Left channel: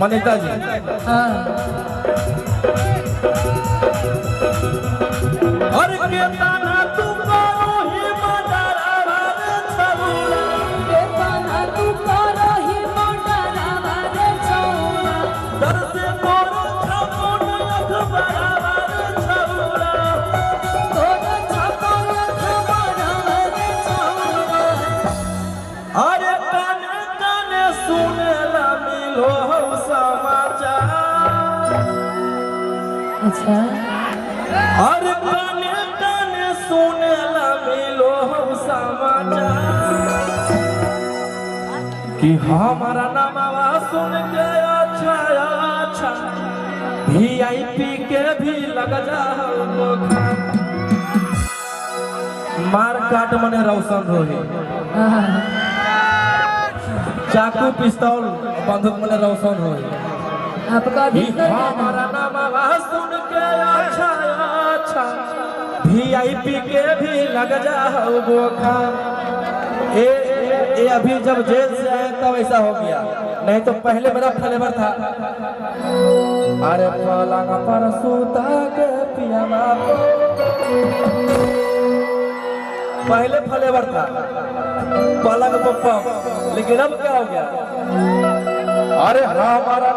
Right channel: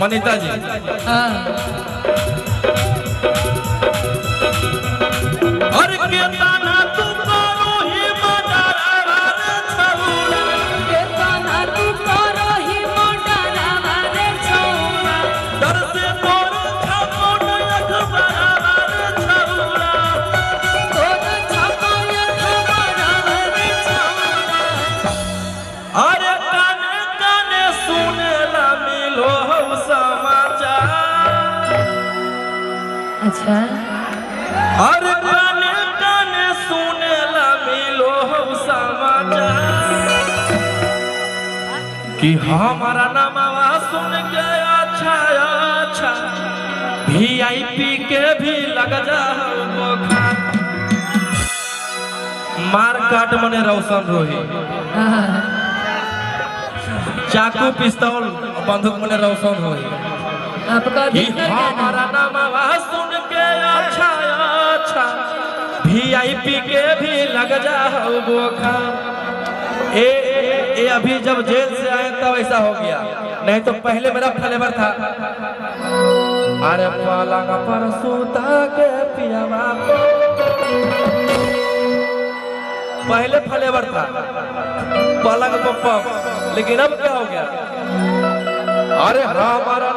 मनीता जी अरे केतना तू करो ही मडारा रे छौरा केतना तू करो ही मडारा रे छौरा दर से तोर छमोट अखबारा रे छौरा तोर छमोट अखबारा रे छौरा अरे काने काने सुनेला मिलो हम समाचार अच्छा अरे काने काने सुनेला मिलो हम समाचार कि हमारा नामवा सुन के अच्छा अच्छा वीआईपी के भी लग जा बुखार मार काट मने रोशन रोही चाकू पिस्तौल बंदूक मने रोशन रोही आपका कि हमारा नामवा सुन के अच्छा अच्छा वीआईपी के भी लग जा बुखार ये अभी जब जेल से आए तब ऐसा हो गया नहीं तो पहले मेरा फ्लेवर था अरे पलंग पर सूता के पियावा पहले फ्लेवर था पलंग पर लेकिन अब क्या हो गया अरे हमारा